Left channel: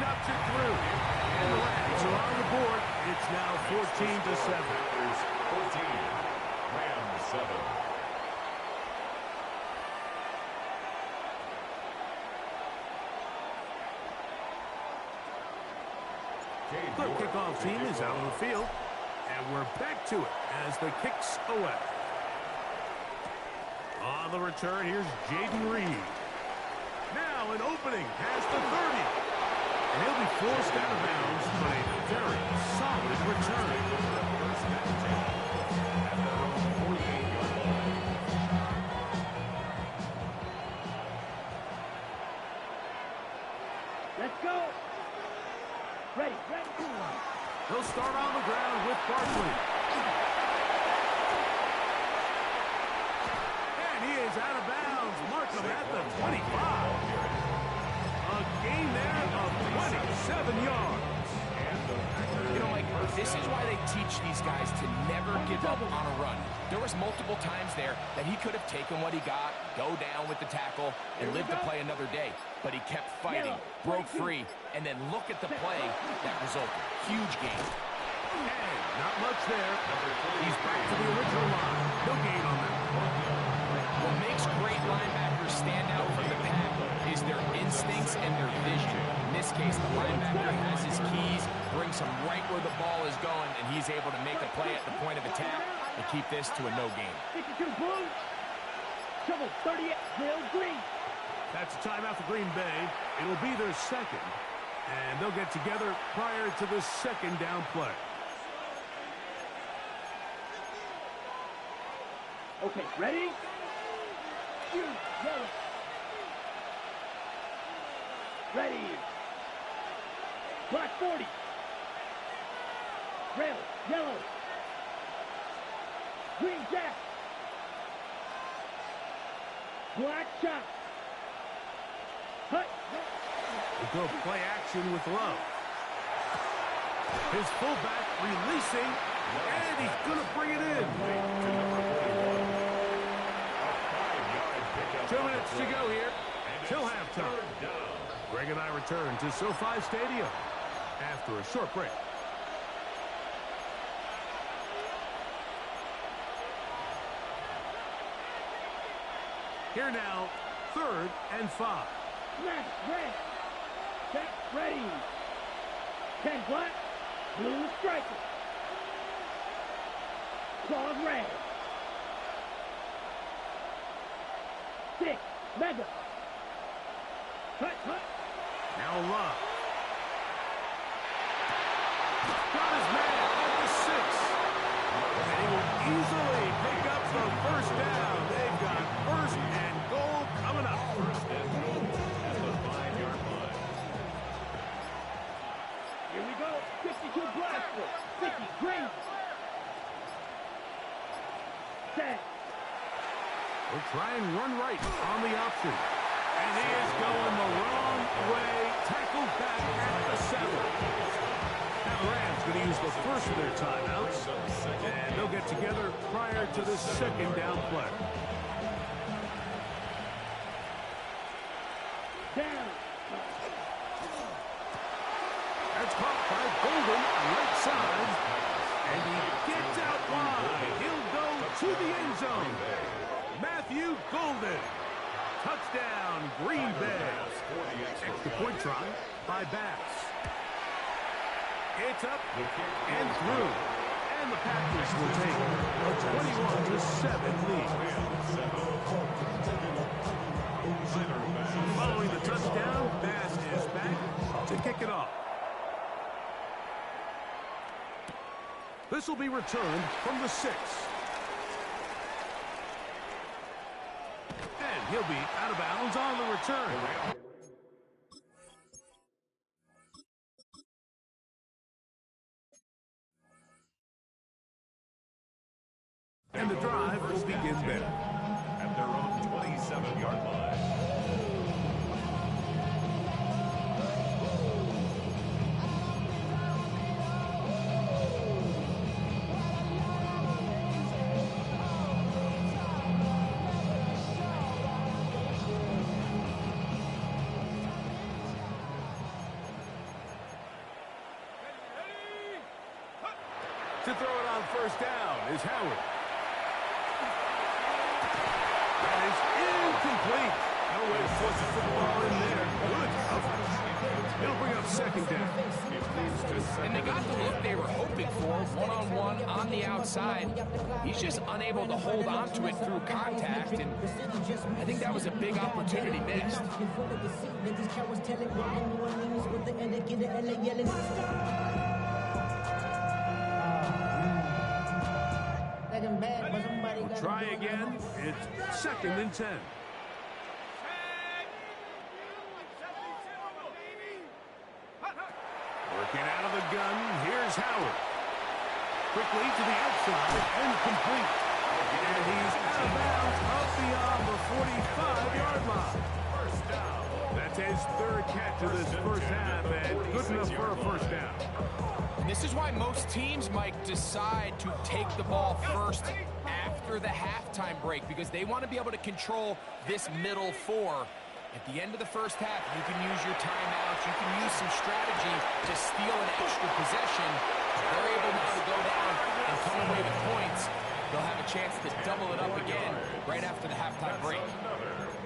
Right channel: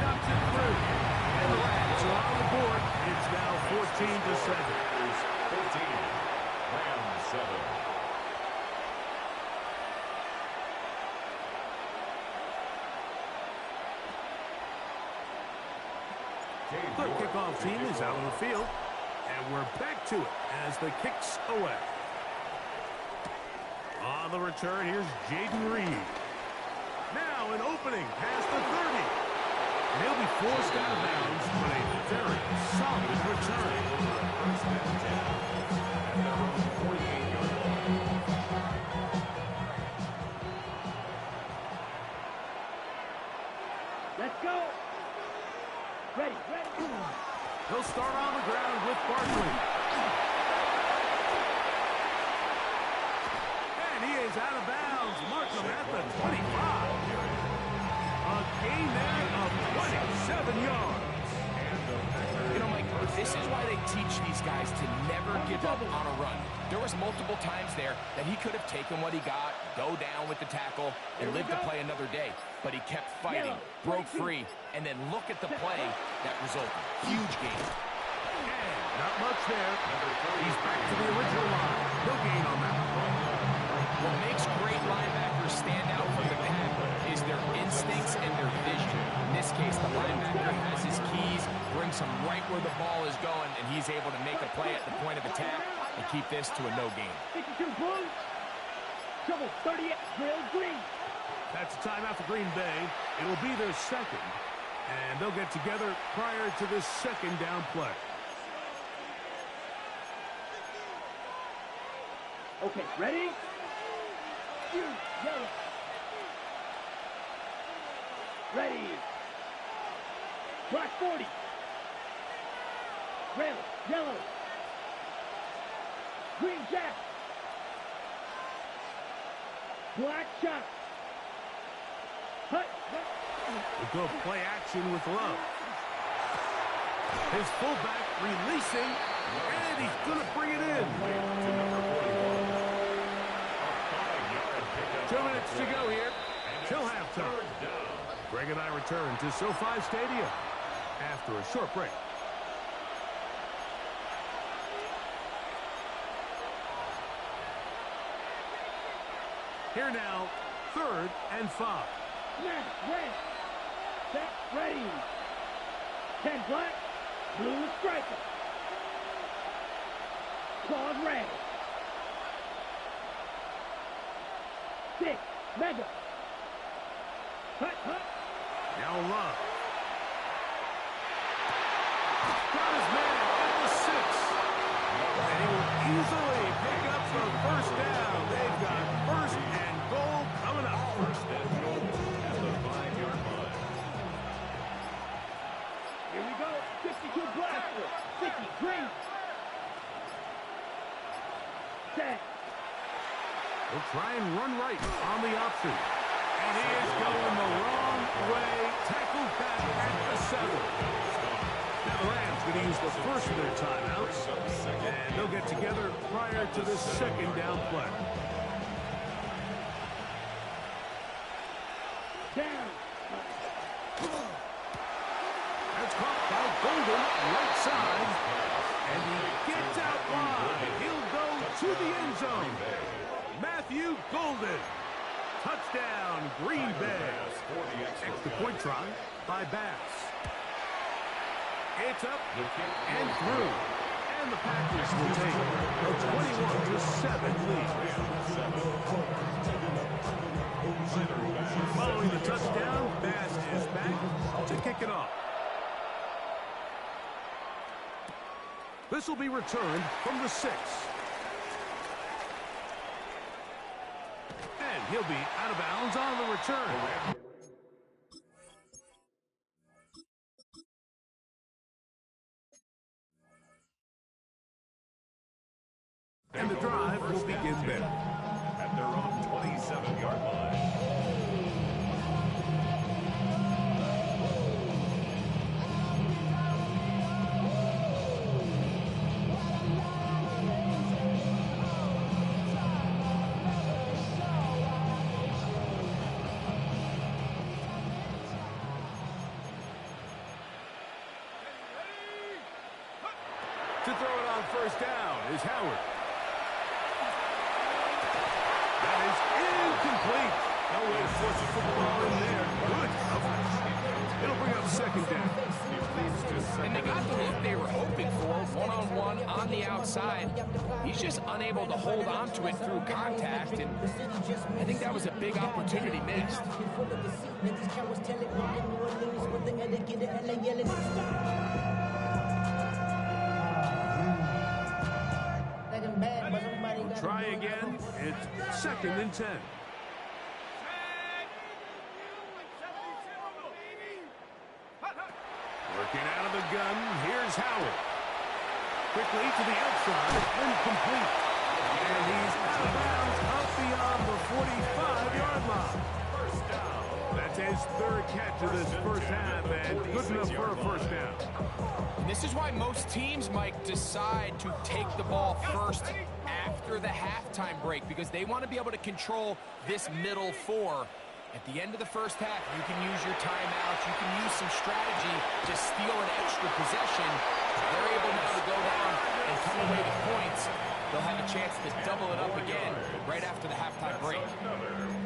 knocks it through. And the Rams are on the board. It's now 14-7. 14, Rams 7. The kickoff team is out on the field. And we're back to it as the kick's away. On the return, here's Jaden Reed. Now an opening past the 30. And he'll be forced out of bounds, but a very solid return. First and 10 at their own 48-yard line. Let's go. Ready. He'll start on the ground with Barkley. And he is out of bounds. Mark him at the 25. A gain there of 27 yards. You know, Mike, this is why they teach these guys to never give up on a run. There was multiple times there that he could have taken what he got, go down with the tackle, and lived to play another day. But he kept fighting, broke free, and then look at the play that resulted. Huge gain. And not much there. He's back to the original line. No gain on that. What makes great linebackers stand out from the pack is their instincts and their vision. In this case, the linebacker has his keys, brings him right where the ball is going, and he's able to make a play at the point of attack and keep this to a no gain. 52 Blue. Trouble 38. Drill Green. That's a timeout for Green Bay. It'll be their second, and they'll get together prior to the second down play. Okay, ready? You yellow. Ready. Black 40. Red, yellow. Green jack. Black shot. Hut. We'll go play action with Love. His fullback releasing, and he's going to bring it in. To number 41. A 5-yard pickup. 2 minutes to go here till halftime. Greg and I return to SoFi Stadium after a short break. Here now, 3rd and 5. Snap, red. Set, ready. 10 black, blue striker. Claws red. 6, mega. Hut. Now Love. Got his man at the 6. And he will easily pick up the first down. They've got 1st and goal coming up. 1st and goal at the 5-yard line. Here we go. 52 black, 50 green. Set. He'll try and run right on the option. And he is going the wrong way. Tackled back at the 7. Now the Rams going to use the first of their timeouts. And they'll get together prior to this second down play. Down. That's caught by Golden, right side. And he gets out wide. He'll go to the end zone. Matthew Golden. Touchdown, Green Bay. Extra point try by Bass. It's up and through. And the Packers will take a 21-7 lead. Following the touchdown, Bass is back to kick it off. This will be returned from the 6. And he'll be out of bounds on the return. And the drive will begin there. At their own 27-yard line. To throw it on first down is Howard. That is incomplete. No way to force the football in there. Good coverage. It'll bring up second down. And they got the look they were hoping for, one-on-one on the outside. He's just unable to hold on to it through contact, and I think that was a big opportunity missed. We'll try again. It's second and 10. Working out of the gun, here's Howard. Quickly to the outside and complete. And he's out of bounds up beyond the 45-yard line. First down. That's his third catch of this first half, and good enough for a first down. And this is why most teams, Mike, decide to take the ball first after the halftime break, because they want to be able to control this middle four. At the end of the first half, you can use your timeouts. You can use some strategy to steal an extra possession. They're able now to go down and come away with points. They'll have a chance to double it up again right after the halftime break.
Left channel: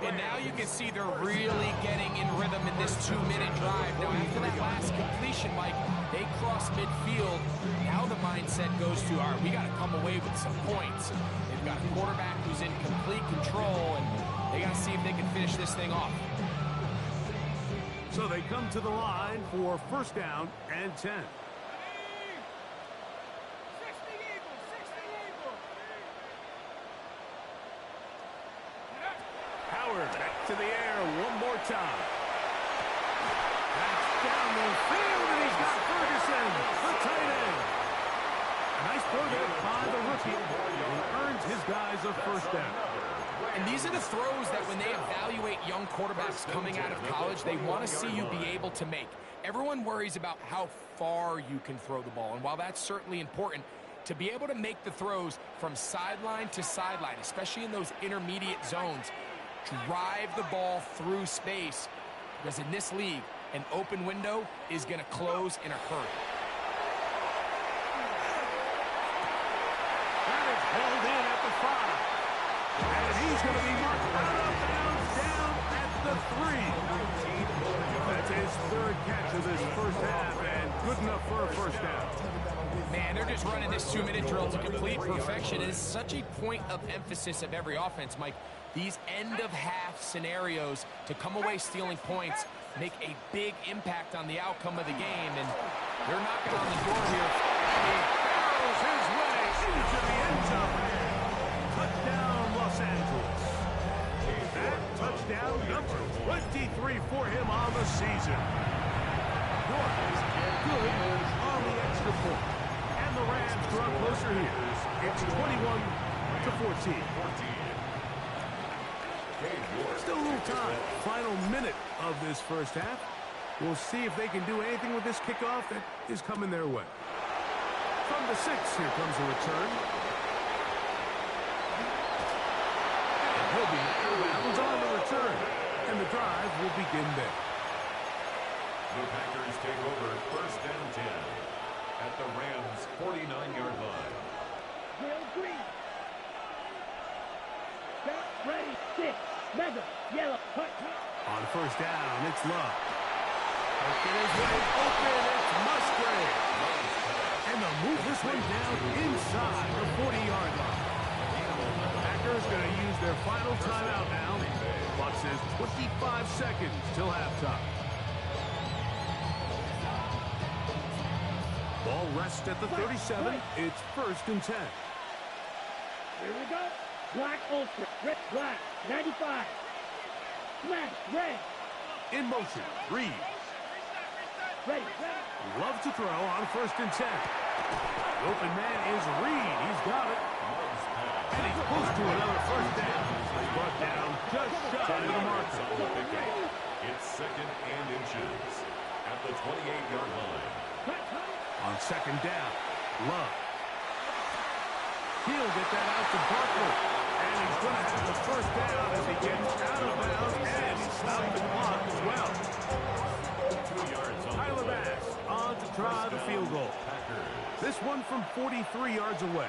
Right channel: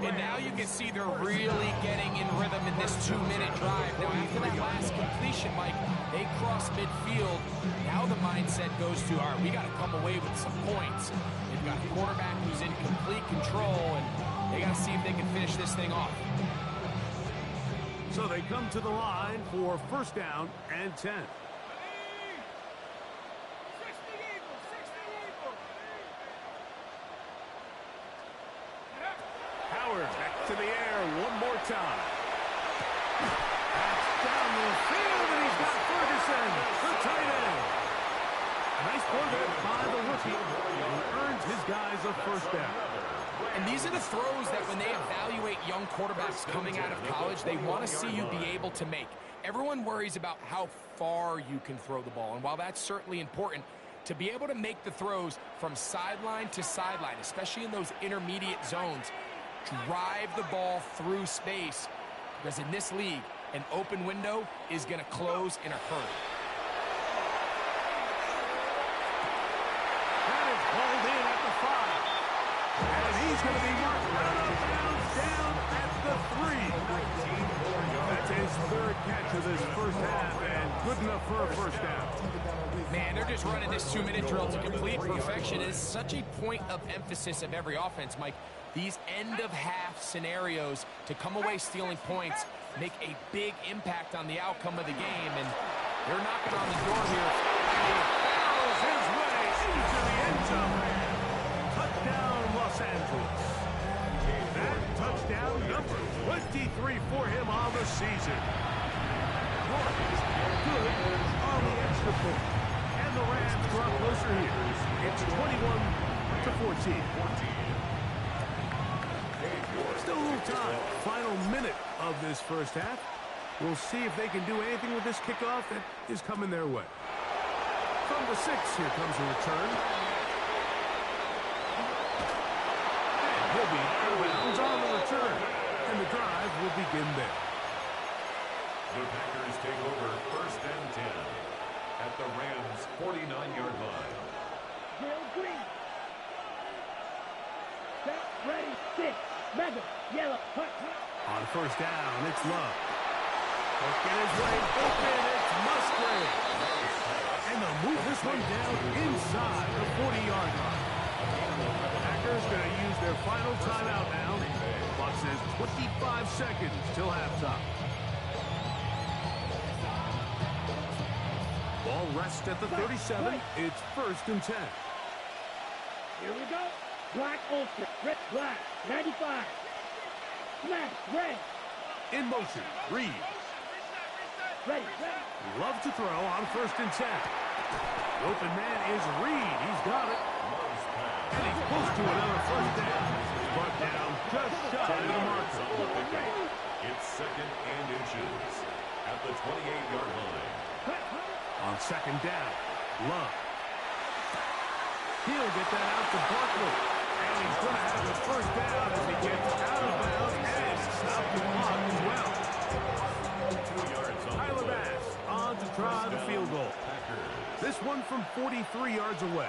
And now you can see they're really getting in rhythm in this 2-minute drive. Now, after that last completion, Mike, they cross midfield. Now the mindset goes to, all right, we got to come away with some points. They've got a quarterback who's in complete control, and they got to see if they can finish this thing off. So they come to the line for first down and 10. Howard back to the air one more time. That's down the field, and he's got Ferguson, the tight end. A nice throw there by the rookie. He earns his guys a first down. And these are the throws that when they evaluate young quarterbacks coming out of college, they want to see you be able to make. Everyone worries about how far you can throw the ball. And while that's certainly important, to be able to make the throws from sideline to sideline, especially in those intermediate zones, drive the ball through space, because in this league, an open window is going to close in a hurry. That is hauled in at the 5. And he's going to be marked out of bounds down at the 3. That's his third catch of this first half, and good enough for a first down. Man, they're just running this 2-minute drill to complete perfection. It is such a point of emphasis of every offense, Mike. These end-of-half scenarios to come away stealing points make a big impact on the outcome of the game, and they're knocking on the door here. And he barrels his way into the end zone. Touchdown, Los Angeles. That touchdown number 23 for him on the season. York is good on the extra point. And the Rams draw closer here. It's 21-14. Still a little time. Final minute of this first half. We'll see if they can do anything with this kickoff that is coming their way. From the 6, here comes a return. And he'll be out of bounds on the return. And the drive will begin there. The Packers take over first and 10 at the Rams' 49-yard line. Real green. Set, ready, 6. Mega, yellow, hut. On first down, it's Love. Working his way open, it's Musgrave. And they'll move this one down inside the 40-yard line. Packers going to use their final timeout now. Clock says 25 seconds till halftime. Ball rests at the 37. It's first and 10. Here we go. Black ultra, red, black, 95. Smash, red. In motion, Reed. Ready, ready. Love to throw on first and 10. The open man is Reed. He's got it. And he's close to another first down. He's brought down just shy of the marker. It's second and inches at the 28-yard line. On second down, Love. He'll get that out to Barkley. And he's going to have the first down as he gets out of bounds, and he stopped the clock as well. 2 yards on Tyler the play. Bass on on to try the field goal. This one from 43 yards away.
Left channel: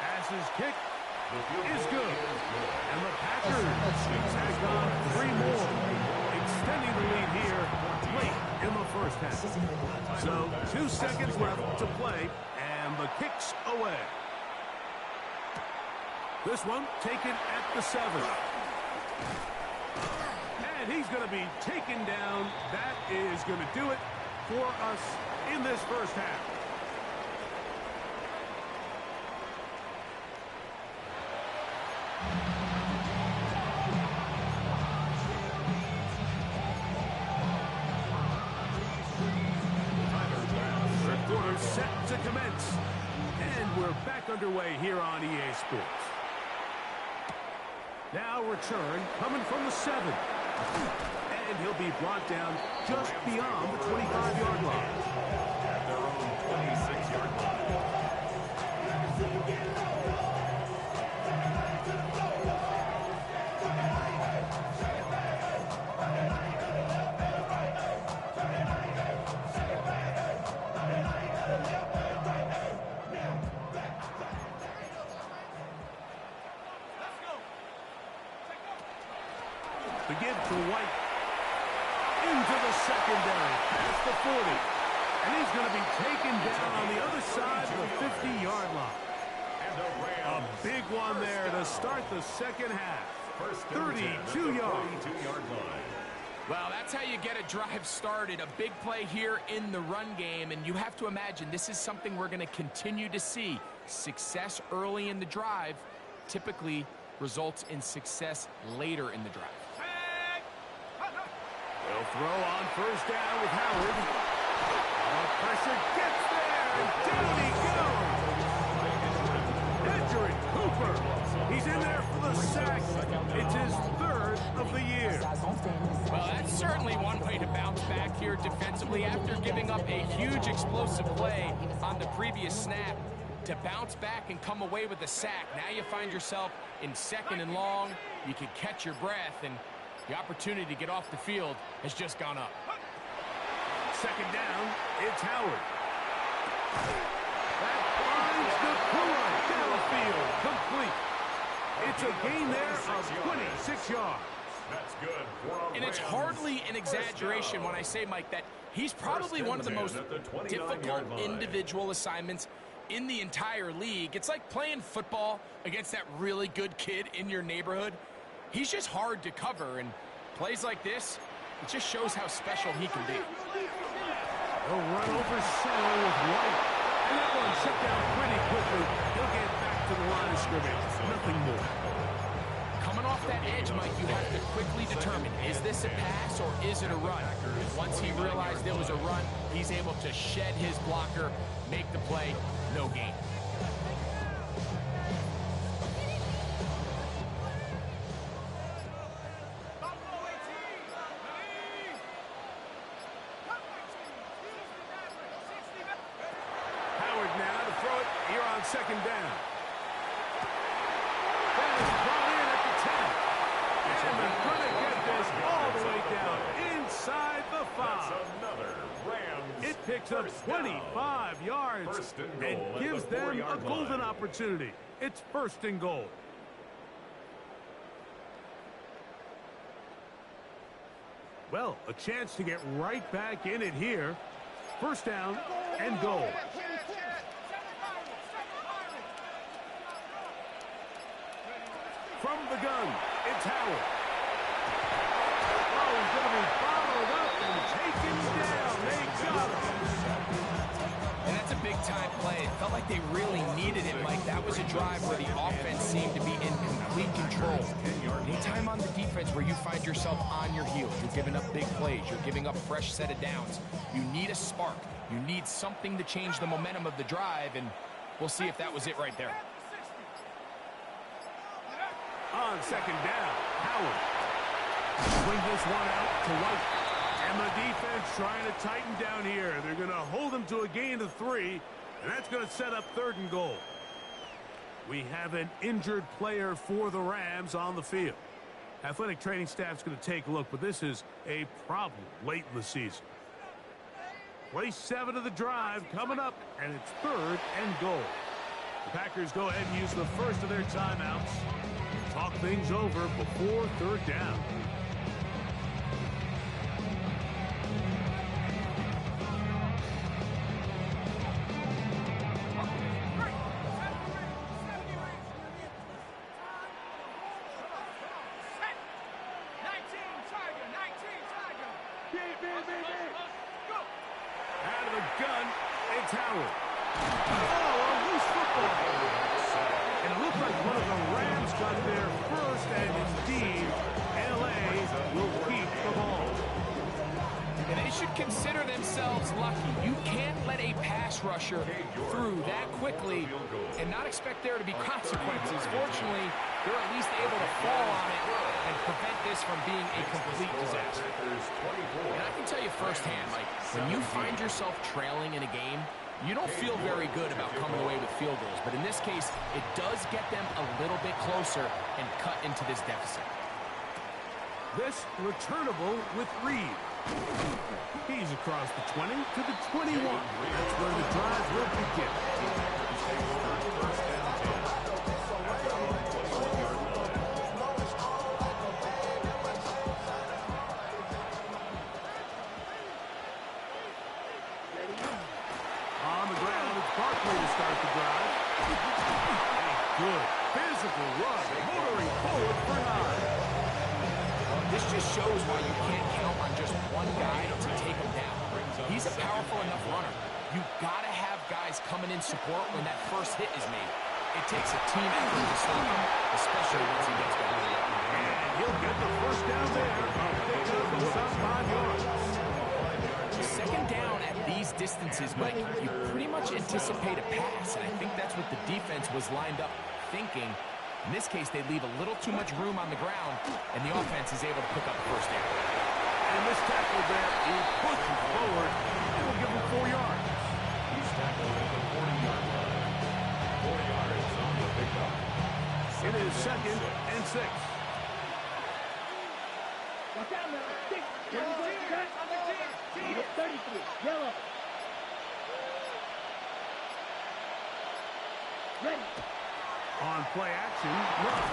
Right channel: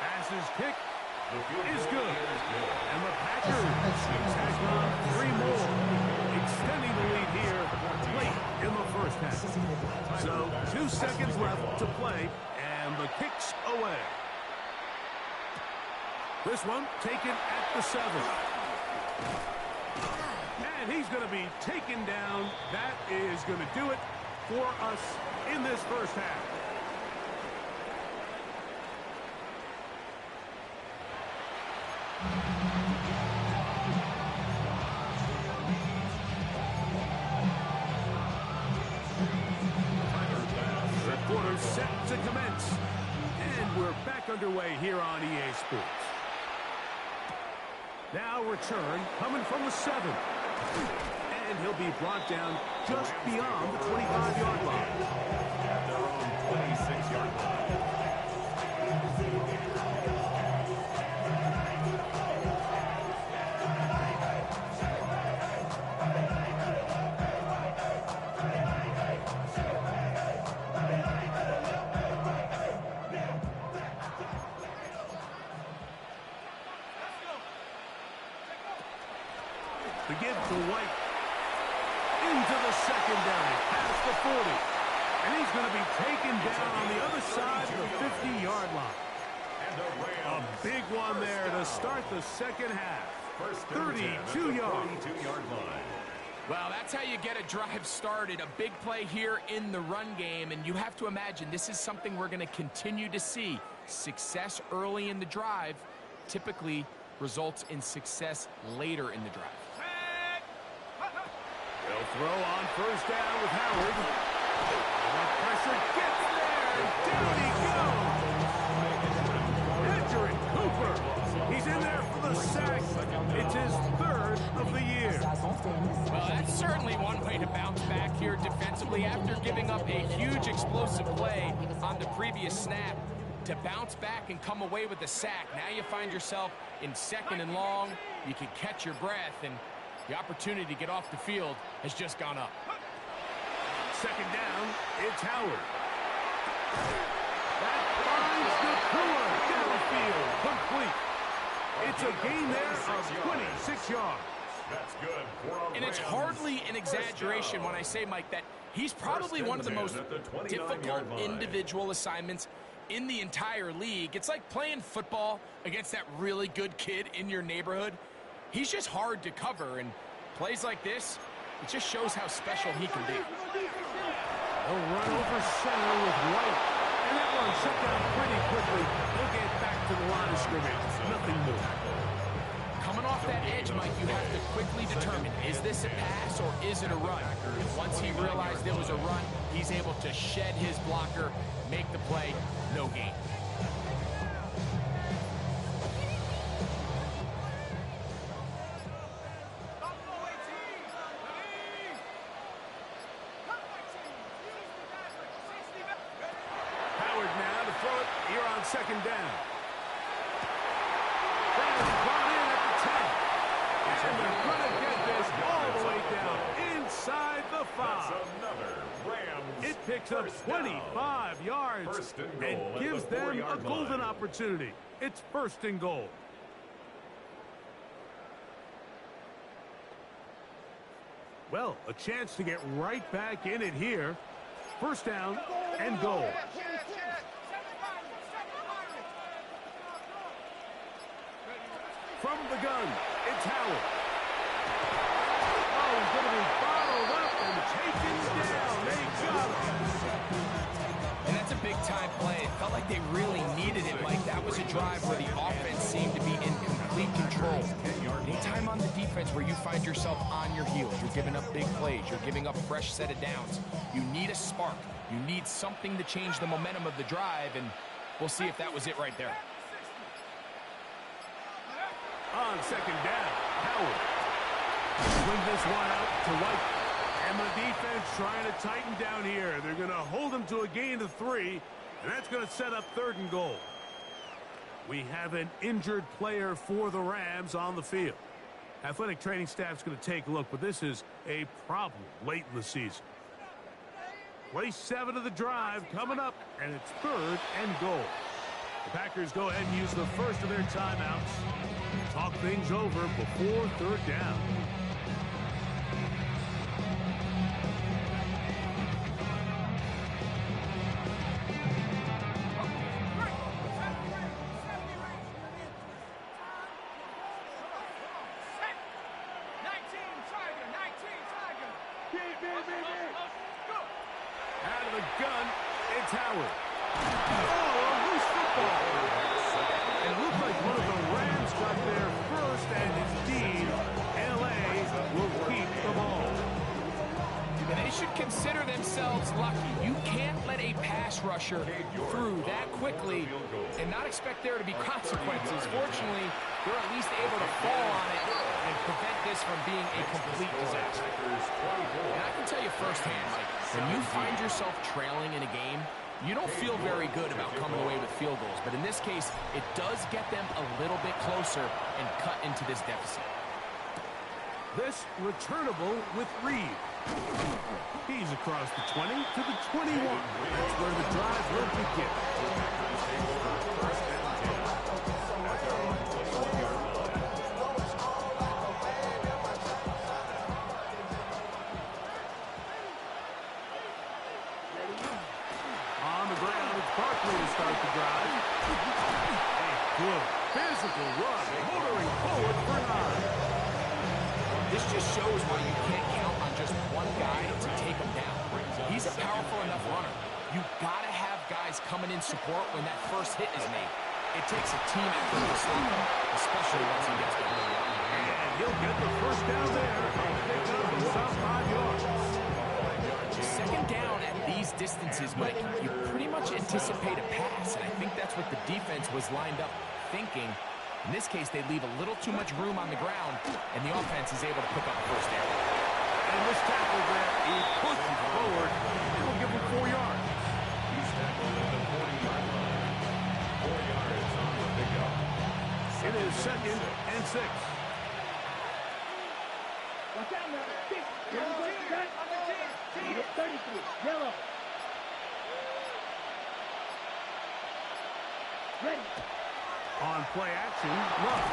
Passes kick is good. And the Packers tack on 3 more, extending the lead here late in the first half. So 2 seconds left to play, and the kick's away. This one taken at the 7. And he's going to be taken down. That is going to do it for us in this first half. The quarter's set to commence. And we're back underway here on EA Sports. Now return coming from the 7. And he'll be brought down just beyond the 25-yard line. At their own 26-yard line. The give to White. Into the secondary, past the 40. And he's going to be taken down on the other side of the 50-yard line. A big one there to start the second half. 32 yards. Well, that's how you get a drive started. A big play here in the run game, and you have to imagine this is something we're going to continue to see. Success early in the drive typically results in success later in the drive. They'll throw on first down with Howard. The pressure gets there, and down he goes. Edgerrin Cooper. He's in there for the sack. It's his 3rd of the year. Well, that's certainly one way to bounce back here defensively after giving up a huge explosive play on the previous snap. To bounce back and come away with a sack. Now you find yourself in 2nd and long. You can catch your breath, and the opportunity to get off the field has just gone up. 2nd down, it's Howard. That finds Nakua downfield, complete. It's a gain there of 26 yards. That's good. And it's hardly an exaggeration when I say, Mike, that he's probably one of the most difficult individual assignments in the entire league. It's like playing football against that really good kid in your neighborhood. He's just hard to cover, and plays like this, it just shows how special he can be. They'll run over center with White, and that one shut down pretty quickly. He'll get back to the line of scrimmage. Nothing more. Coming off that edge, Mike, you have to quickly determine, is this a pass or is it a run? And once he realized there was a run, he's able to shed his blocker, make the play, no gain. Howard now to throw it here on 2nd down. That is brought in at the 10. And they're going to get this all the way down inside the 5. It picks up 25 yards and gives them a golden opportunity. It's 1st and goal. Well, a chance to get right back in it here. 1st down and goal. From the gun, it's Howard. Oh, he's going to be bottled up and taken down. They got him. And that's a big-time play. It felt like they really needed it, Mike. That was a drive where the offense seemed to be in complete control. Anytime on the defense where you find yourself on your heels, you're giving up big plays, you're giving up fresh set of downs, you need a spark. You need something to change the momentum of the drive, and we'll see if that was it right there. On 2nd down, Howard. Swing this one out to White. And the defense trying to tighten down here. They're going to hold him to a gain of 3, and that's going to set up 3rd and goal. We have an injured player for the Rams on the field. Athletic training staff's going to take a look, but this is a problem late in the season. Play 7 of the drive coming up, and it's 3rd and goal. The Packers go ahead and use the first of their timeouts. Talk things over before 3rd down. Out of the gun, it's Howard. Oh, a loose football. And it looked like one of the Rams got there first, and indeed, L.A. will keep the ball. And they should consider themselves lucky. You can't let a pass rusher through that quickly and not expect there to be consequences. Fortunately, they're at least able to fall on it and prevent this from being a complete disaster. And I can tell you firsthand, Mike, when you find yourself trailing in a game, you don't feel very good about coming away with field goals. But in this case, it does get them a little bit closer and cut into this deficit. This returnable with Reed. He's across the 20 to the 21. That's where the drive will begin. Packers take over 1st and 10 at their own 21-yard line. On the ground, it's Barkley to start the drive. A good physical run, motoring forward for 9. This just shows why you can't count on just one guy to take him down. He's a powerful enough runner. You've got to have guys coming in support when that first hit is made. It takes a team effort to stop him, especially once he gets going. And he'll get the first down there. A pickup of about 5 yards. 2nd down at these distances, Mike, you pretty much anticipate a pass, and I think that's what the defense was lined up thinking. In this case, they leave a little too much room on the ground, and the offense is able to pick up a first down. And this tackle there, he pushes forward. It'll give him 4 yards. He's tackled at the 40-yard line. 4 yards on the pickup. It is 2nd and 6. Watch out now. 6. Cut. 33. Yellow. Ready. On play action, Love.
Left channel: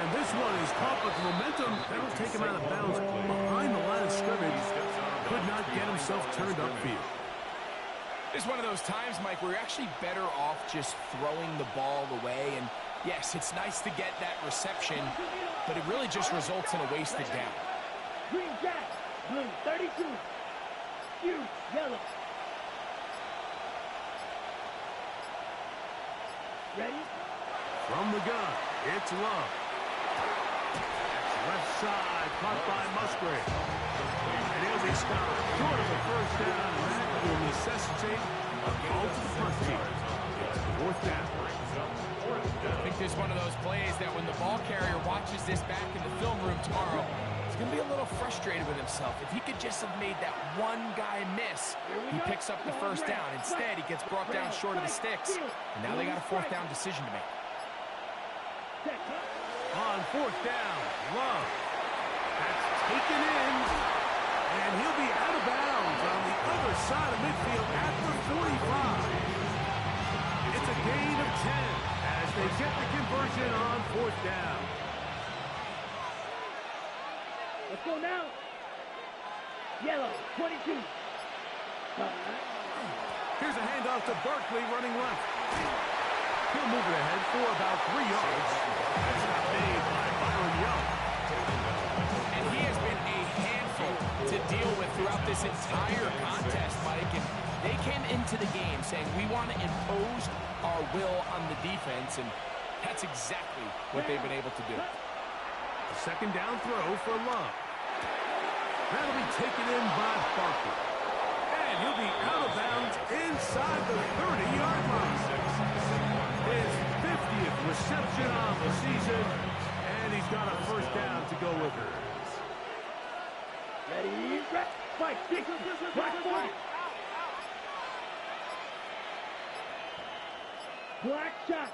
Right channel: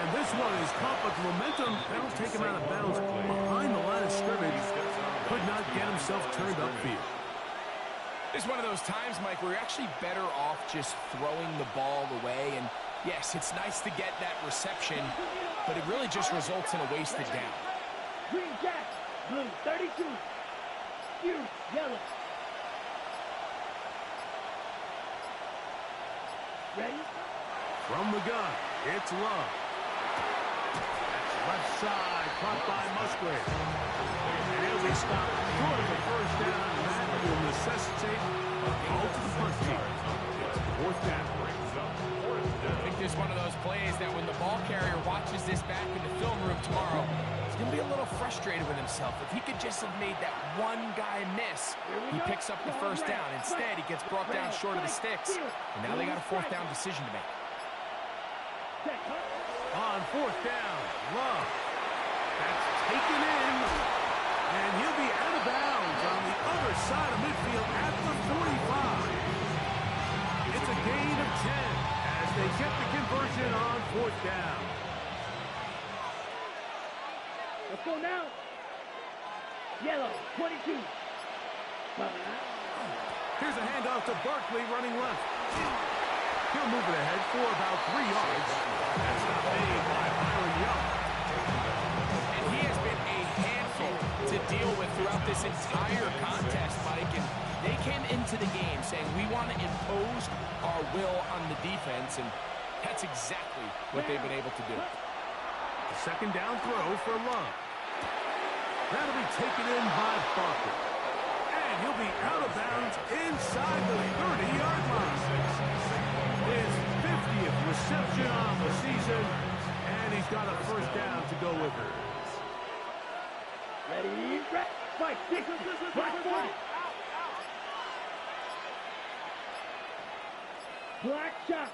And this one is caught with momentum. That'll take him out of bounds behind the line of scrimmage. Could not get himself turned upfield. It's one of those times, Mike, where you're actually better off just throwing the ball away. And yes, it's nice to get that reception, but it really just results in a wasted down. Green jack. Blue 32. Huge yellow. Ready? From the gun, it's Love. That's left side, caught by Musgrave. And he'll be stopped short of the first down, and that will necessitate a call to the punt team. It's 4th down. I think there's one of those plays that when the ball carrier watches this back in the film room tomorrow, he's going to be a little frustrated with himself. If he could just have made that one guy miss, he picks up the first down. Instead, he gets brought down short of the sticks, and now they got a 4th down decision to make. On 4th down, Love. That's taken in, and he'll be out of bounds on the other side of midfield at the 45. It's a gain of 10 as they get the conversion on 4th down. Let's go now. Yellow 22. Here's a handoff to Barkley running left. He'll move it ahead for about 3 yards. That's not made by Byron Young. And he has been a handful to deal with throughout this entire contest, Mike. And they came into the game saying, we want to impose our will on the defense, and that's exactly what they've been able to do. A 2nd down throw for Love. That'll be taken in by Barkley. And he'll be out of bounds inside the 30-yard line. His 50th reception on the season, and he's got a first down to go with her. Ready, fight, kick, black ball. Black shot.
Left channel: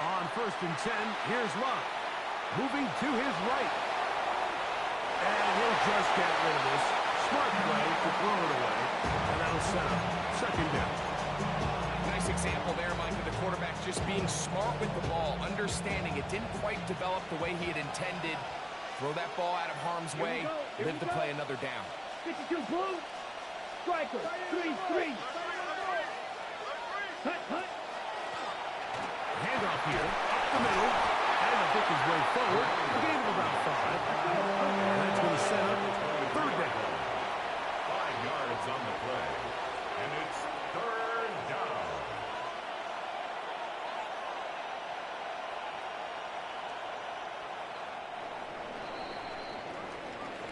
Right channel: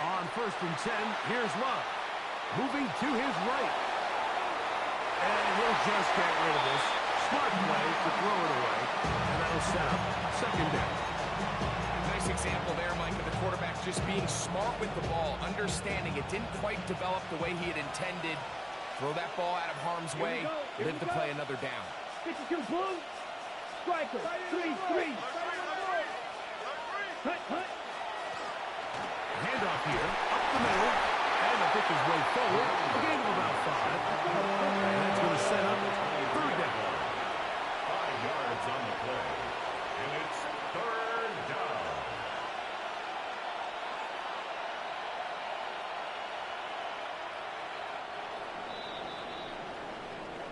On 1st and 10, here's Love. Moving to his right. And he'll just get rid of this. Smart play to throw it away. And that'll set up second down. Nice example there, Mike, of the quarterback just being smart with the ball, understanding it didn't quite develop the way he had intended. Throw that ball out of harm's way, live to play another down. 52 blue. Striker. 3-3. Hut. Handoff here, up the middle, and to pick his way forward. A gain of about 5. And that's going to set up third down. 5 yards on the play. And it's third down.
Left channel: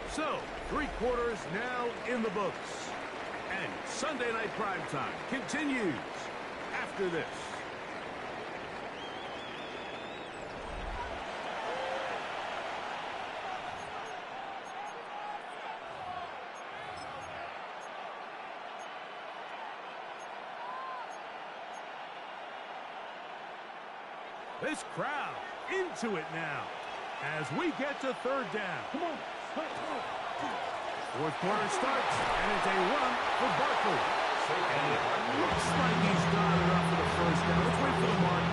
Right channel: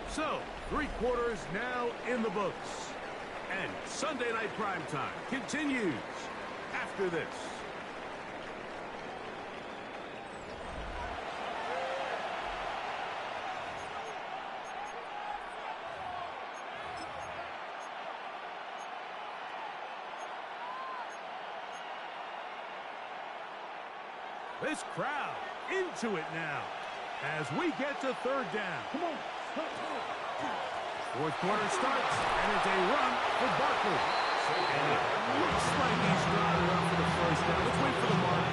So, 3 quarters now in the books. And Sunday Night Primetime continues after this. This crowd into it now as we get to third down. Come on. Fourth quarter starts, and it's a run for Barkley. And it looks like he's got enough for the first down. Let's wait for the mark.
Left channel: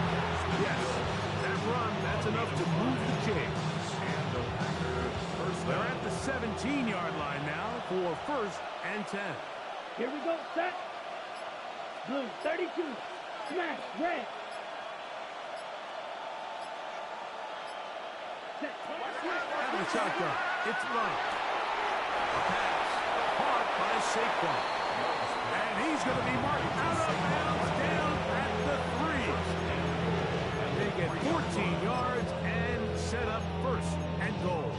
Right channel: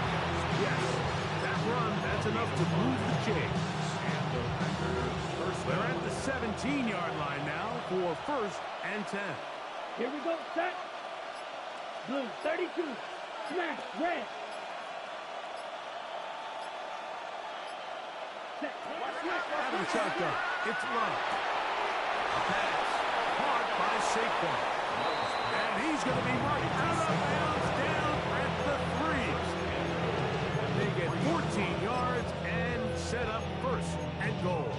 Yes, that run, that's enough to move the chains. And the Packers first They're down. at the 17-yard line now for first and 10. Here we go. Set. Blue. 32. Smash. Red. Set. Out of the shotgun, it's Love. A pass, caught by Saquon. And he's going to be marked out of bounds down at the 3. They get 14 yards and set up first and goal.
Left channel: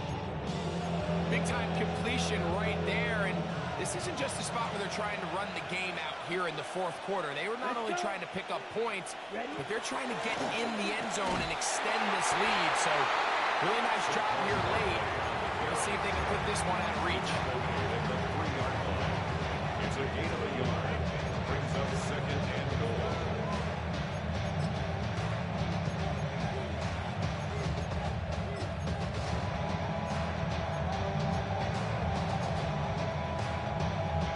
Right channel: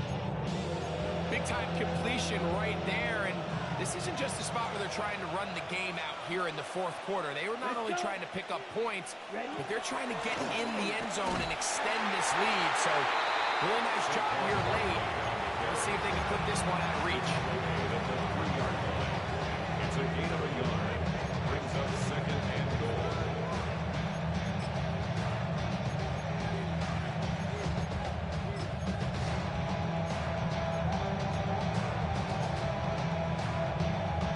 Big-time completion right there, and this isn't just a spot where they're trying to run the game out here in the fourth quarter. They were not only trying to pick up points, but they're trying to get in the end zone and extend this lead. So, really nice job here late. Let's see if they can put this one out of reach. At the 3-yard line. It's a gain of a yard. Brings up second and goal.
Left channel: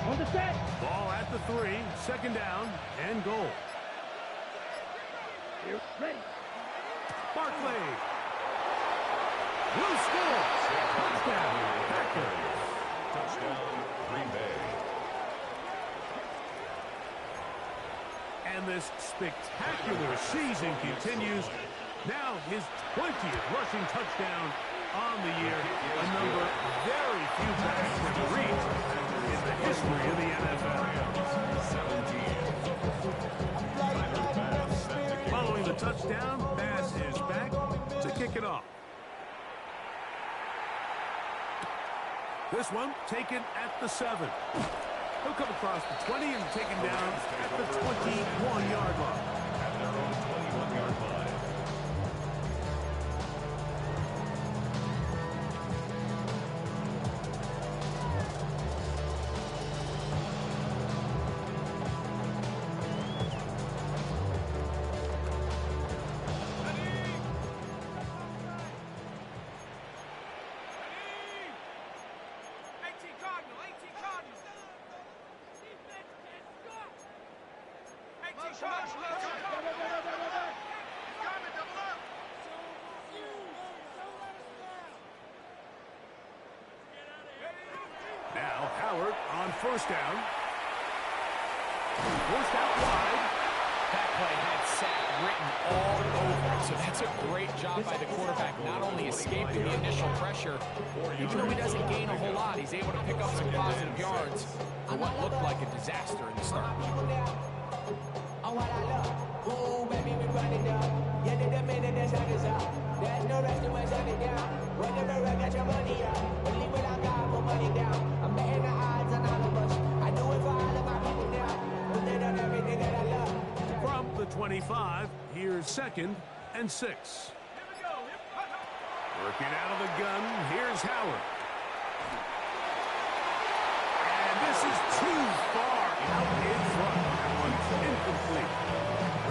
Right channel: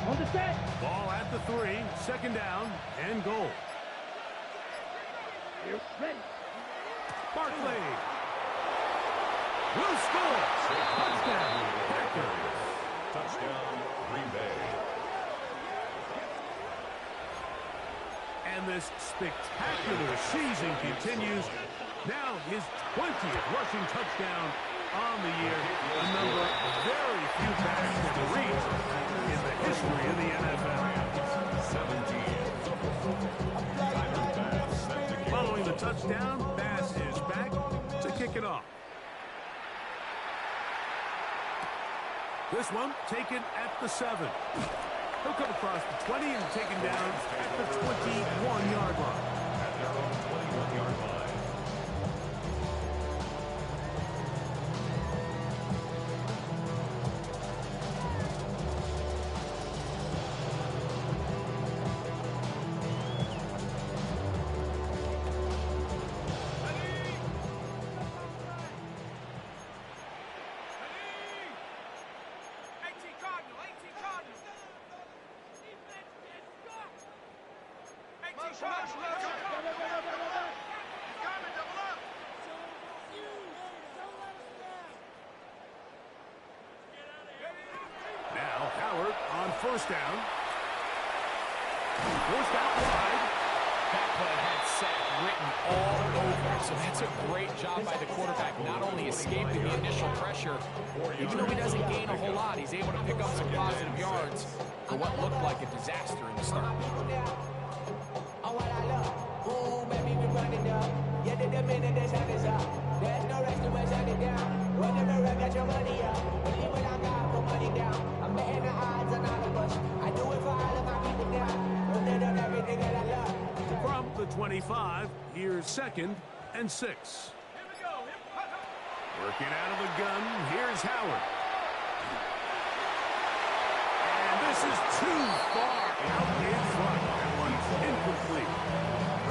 On the set. Ball at the 3, second down and goal. Here. Ready. Barkley will score. Touchdown, Packers. Touchdown, Green Bay. And this spectacular season continues. Now his 20th rushing touchdown on the year. A number very few backs have reached in the history of the NFL. 17. Following the touchdown, Bass is back to kick it off. This one taken at the 7. He'll come across the 20 and taken down at the 21-yard line. At their own 21-yard line. Now Howard on first down. Forced out wide. That play had sack written all over it, so that's a great job by the quarterback, not only escaping the initial pressure, even though he doesn't gain a whole lot, he's able to pick up some positive yards for what looked like a disaster in the start. On what I love, ooh, baby, we run it down. Yeah, the minute the sun is up, there's no rest to shut it down. Whenever I got your money up, believe what I got, put money down. I'm betting the odds on all of us. I do it for all of my people down. Put it on everything that I love. From the 25, here's second and 6. Here we go. Working out of the gun, here's Howard. And this is too far out in front. That one's incomplete.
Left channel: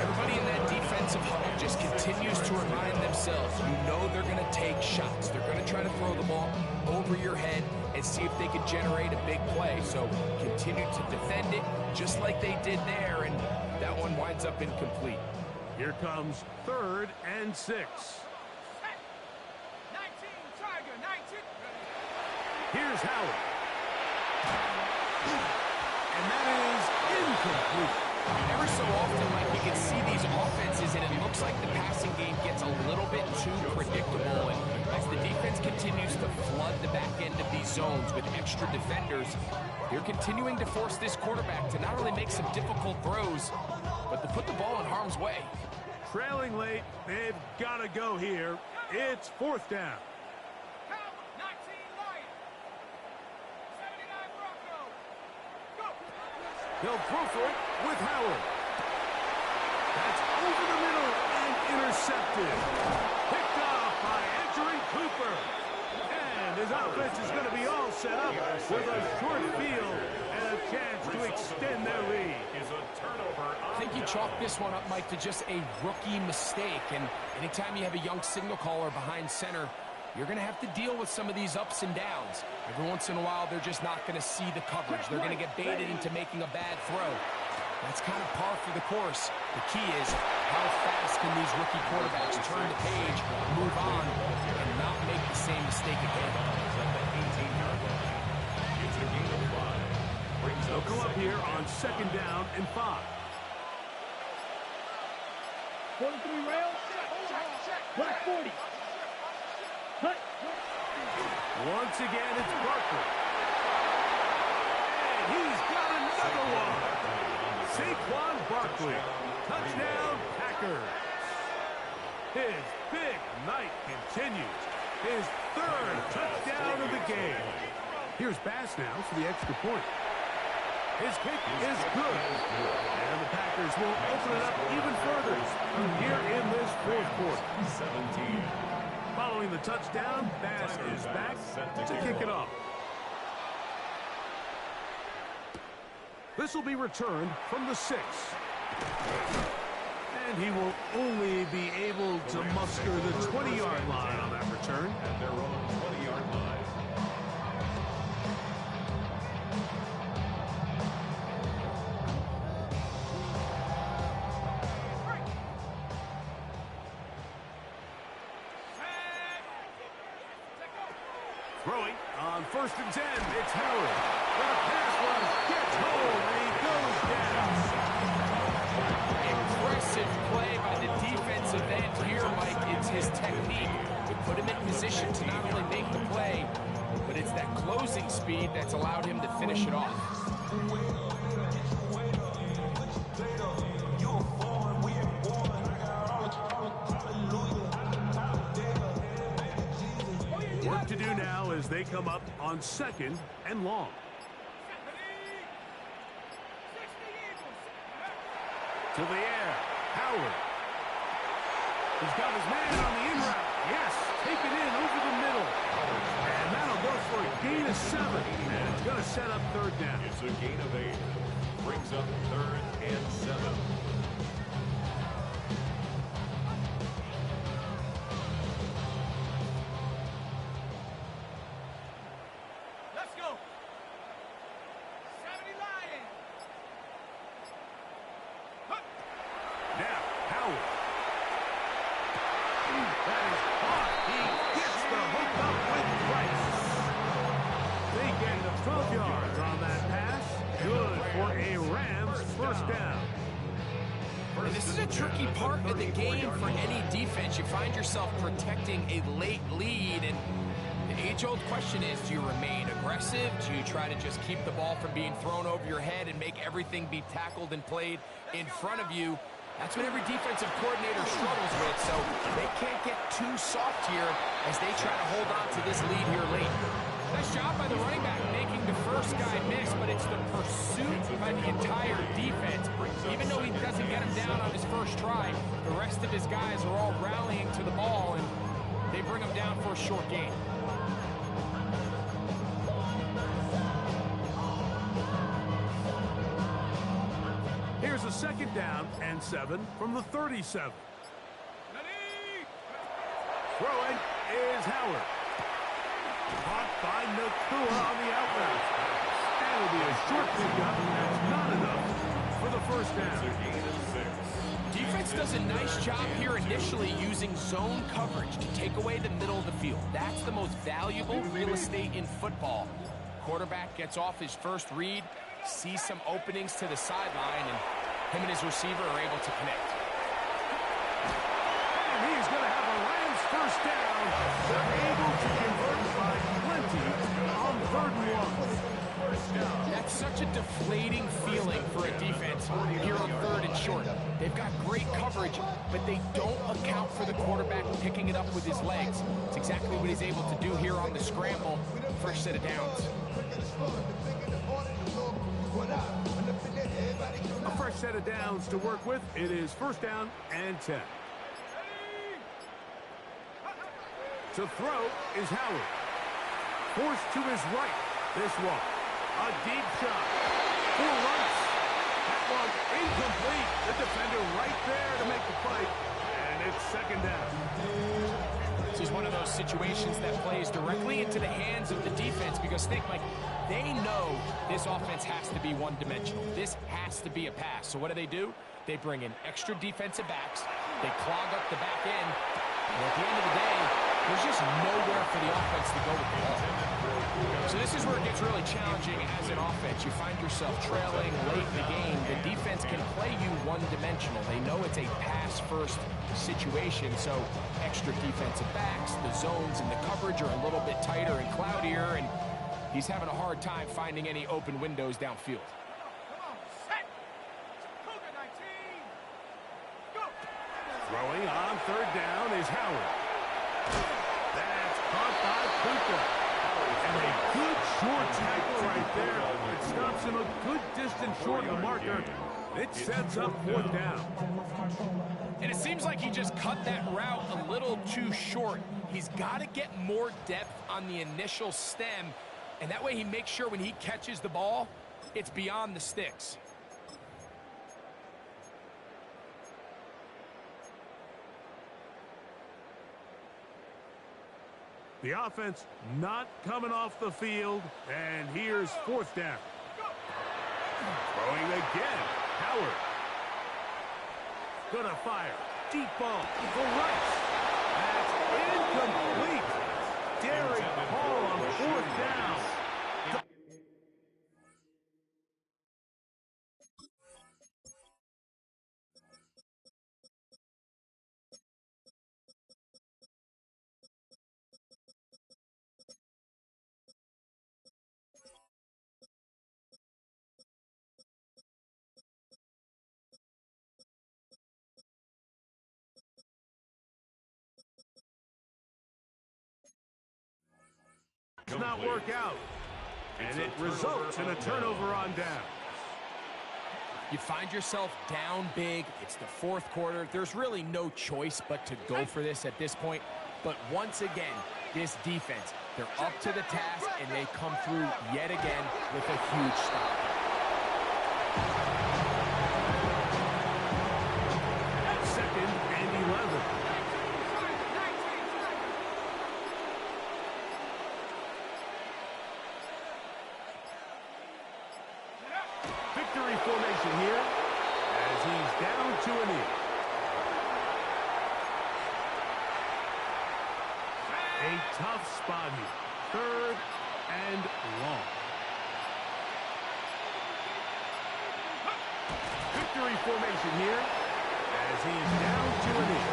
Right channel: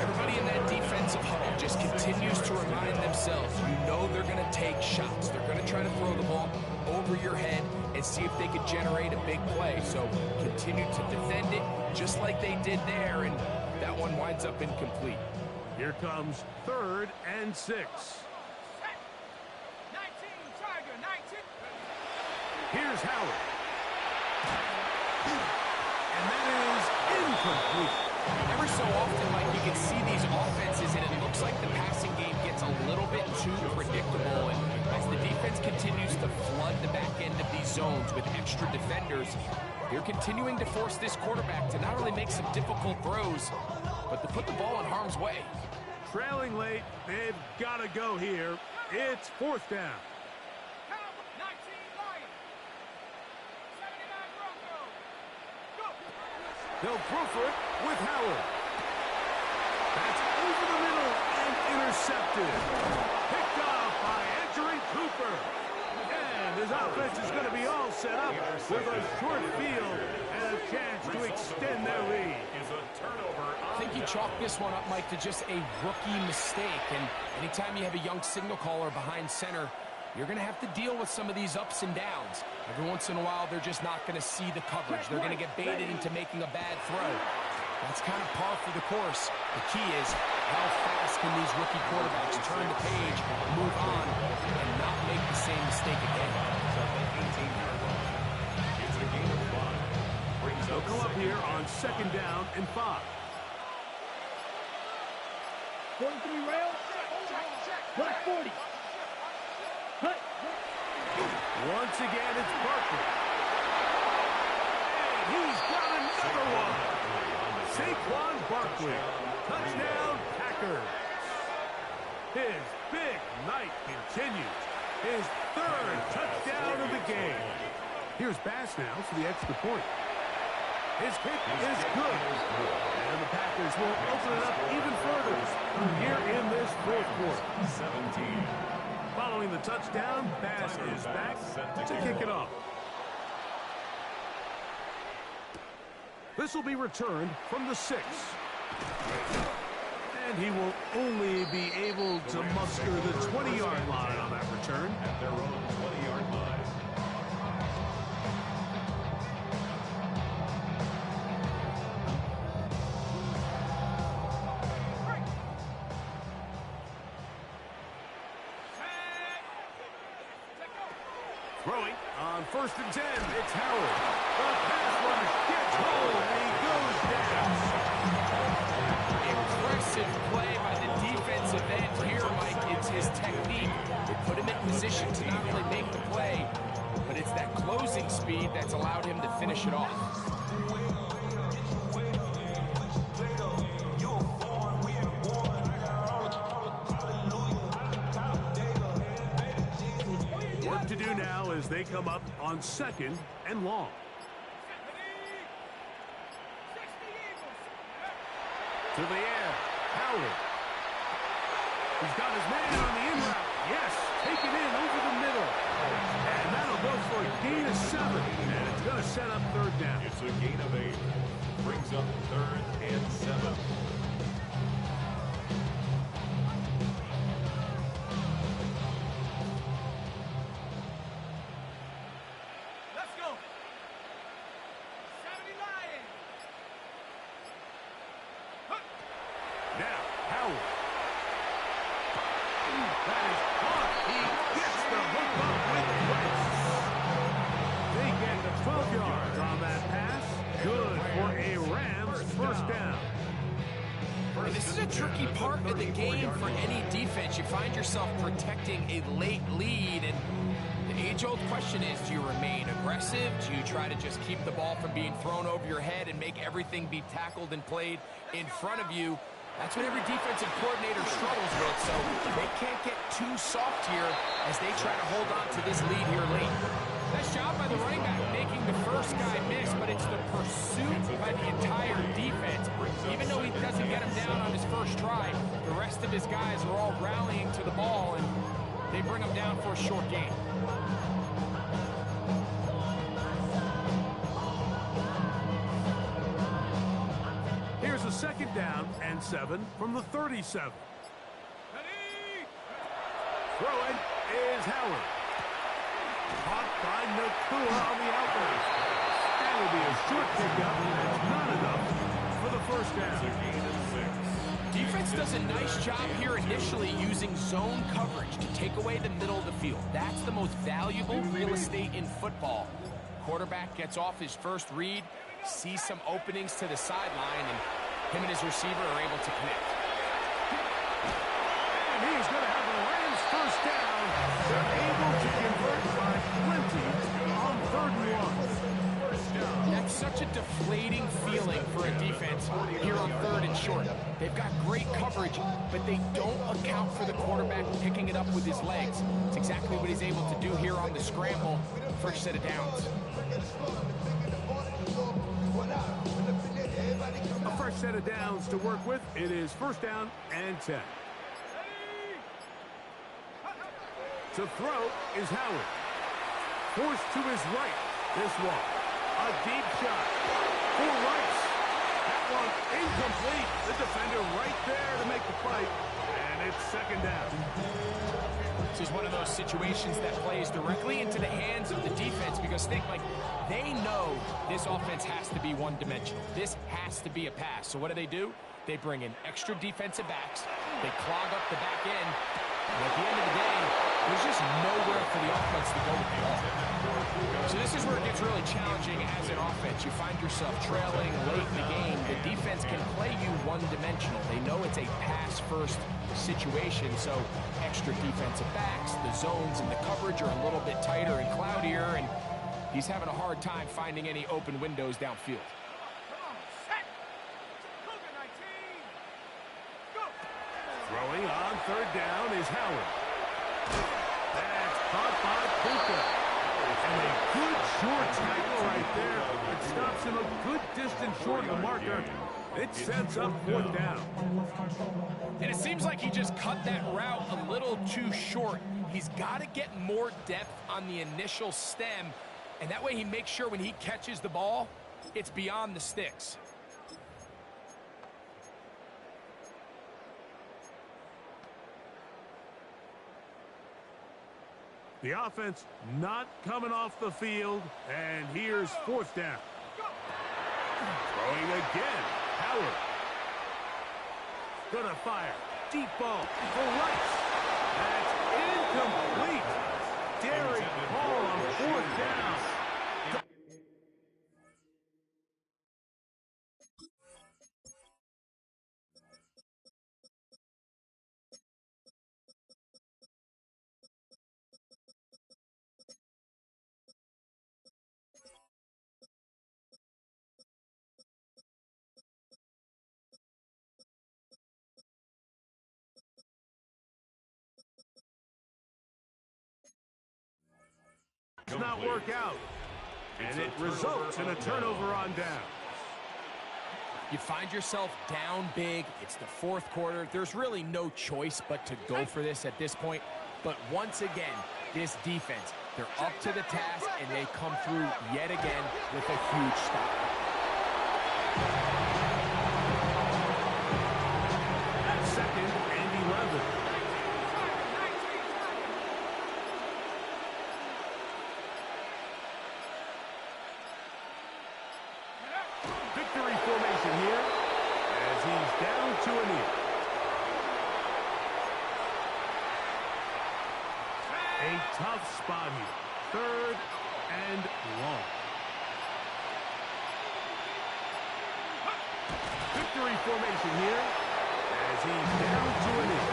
Everybody in that defensive huddle just continues to remind themselves, you know they're going to take shots. They're going to try to throw the ball over your head and see if they can generate a big play. So continue to defend it just like they did there, and that one winds up incomplete. Here comes 3rd and 6. 19, Tiger, 19. Here's Howard. And that is incomplete. Every so often, Mike, you can see these offenses, and it looks like the passing game gets a little bit too predictable. And as the defense continues to flood the back end of these zones with extra defenders, they're continuing to force this quarterback to not only make some difficult throws, but to put the ball in harm's way. Trailing late, they've got to go here. It's 4th down. 19, Lions. 79, Broncos. Go. They'll throw for it with Howard. That's over the middle and intercepted. Picked off by Edgerrin Cooper. And his offense is going to be all set up with a short field and a chance to extend their lead. I think you chalk this one up, Mike, to just a rookie mistake. And anytime you have a young signal caller behind center, you're going to have to deal with some of these ups and downs. Every once in a while, they're just not going to see the coverage. They're going to get baited into making a bad throw. That's kind of par for the course. The key is how fast can these rookie quarterbacks turn the page, move on, and not make the same mistake again. It's a gain of 5. They'll come up here on 2nd down and 5. 43 rail. Black 40. Hut. Once again, it's Barkley. And he's got another one. Saquon Barkley. Touchdown, Packers. His big night continues. His 3rd touchdown of the game. Here's Bass now for the extra point. His kick is good. And the Packers will open it up even further here in this 4th quarter. 17. Following the touchdown, Bass is back to kick it off. This will be returned from the 6. And he will only be able to muster the 20-yard line on that return. At their own 20-yard line. Throwing on 1st and 10, it's Howard. The pass rush gets home, and he goes down. Impressive play by the defensive end here, Mike. It's his technique. It put him in position to not only make the play, but it's that closing speed that's allowed him to finish it off. Work to do now as they come up on 2nd and long. To the air, Howard. He's got his man on the in route. Yes, taken in over the middle. And that'll go for a gain of 7. And it's going to set up 3rd down. It's a gain of 8. Brings up 3rd and 7. Let's go. 70 Lions. Now, Howard. That is hard. He gets the hook up with Price. They get 12 yards on that pass. Good for a Rams 1st down. And this is a tricky part of the game for any defense. You find yourself protecting a late lead, and the age-old question is, do you remain aggressive? Do you try to just keep the ball from being thrown over your head and make everything be tackled and played in front of you? That's what every defensive coordinator struggles with, so they can't get too soft here as they try to hold on to this lead here late. Nice job by the running back making the first guy miss, but it's the pursuit by the entire defense. Even though he doesn't get him down on his first try, the rest of his guys are all rallying to the ball, and they bring him down for a short gain. Here's a second down and 7 from the 37. Throwing is Howard. Caught by Nakua on the outlet. And it'll be a short pickup. That's not enough for the first down. It's a gain of 6. Defense does a nice job here initially using zone coverage to take away the middle of the field. That's the most valuable real estate in football. Quarterback gets off his first read, sees some openings to the sideline, and him and his receiver are able to connect. And he's going to have a Rams first down. They're able to convert by plenty on 3rd and 1. That's such a deflating feeling for a defense here on 3rd and short. They've got great coverage, but they don't account for the quarterback picking it up with his legs. It's exactly what he's able to do here on the scramble. First set of downs. A fresh set of downs to work with. It is 1st down and 10. To throw is Howard. Forced to his right. This one. A deep shot for Rice. That one incomplete. The defender right there to make the play. And it's 2nd down. This is one of those situations that plays directly into the hands of the defense because think, Mike, they know this offense has to be one-dimensional. This has to be a pass. So what do? They bring in extra defensive backs. They clog up the back end. And at the end of the day, there's just nowhere for the offense to go with the ball. So this is where it gets really challenging as an offense. You find yourself trailing late in the game. The defense can play you one-dimensional. They know it's a pass-first situation, so extra defensive backs, the zones and the coverage are a little bit tighter and cloudier, and he's having a hard time finding any open windows downfield. Throwing on 3rd down is Howard. That's caught by Puka. And a good short tackle right there. It stops him a good distance short of the marker. It sets up 4th down. And it seems like he just cut that route a little too short. He's got to get more depth on the initial stem, and that way he makes sure when he catches the ball, it's beyond the sticks. The offense not coming off the field, and here's 4th down. Throwing again, Howard. Gonna fire. Deep ball for Rice. That's incomplete. Daring call on 4th down. Does not work out, and it results in a turnover on down. You find yourself down big. It's the 4th quarter. There's really no choice but to go for this at this point. But once again, this defense, they're up to the task, and they come through yet again with a huge stop. At 2nd and 11. Victory formation here as he's down to a knee. A tough spot here. 3rd and long. Victory formation here as he's down to a knee.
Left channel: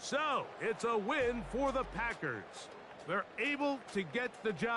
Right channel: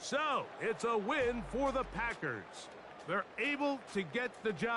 So, it's a win for the Packers. They're able to get the job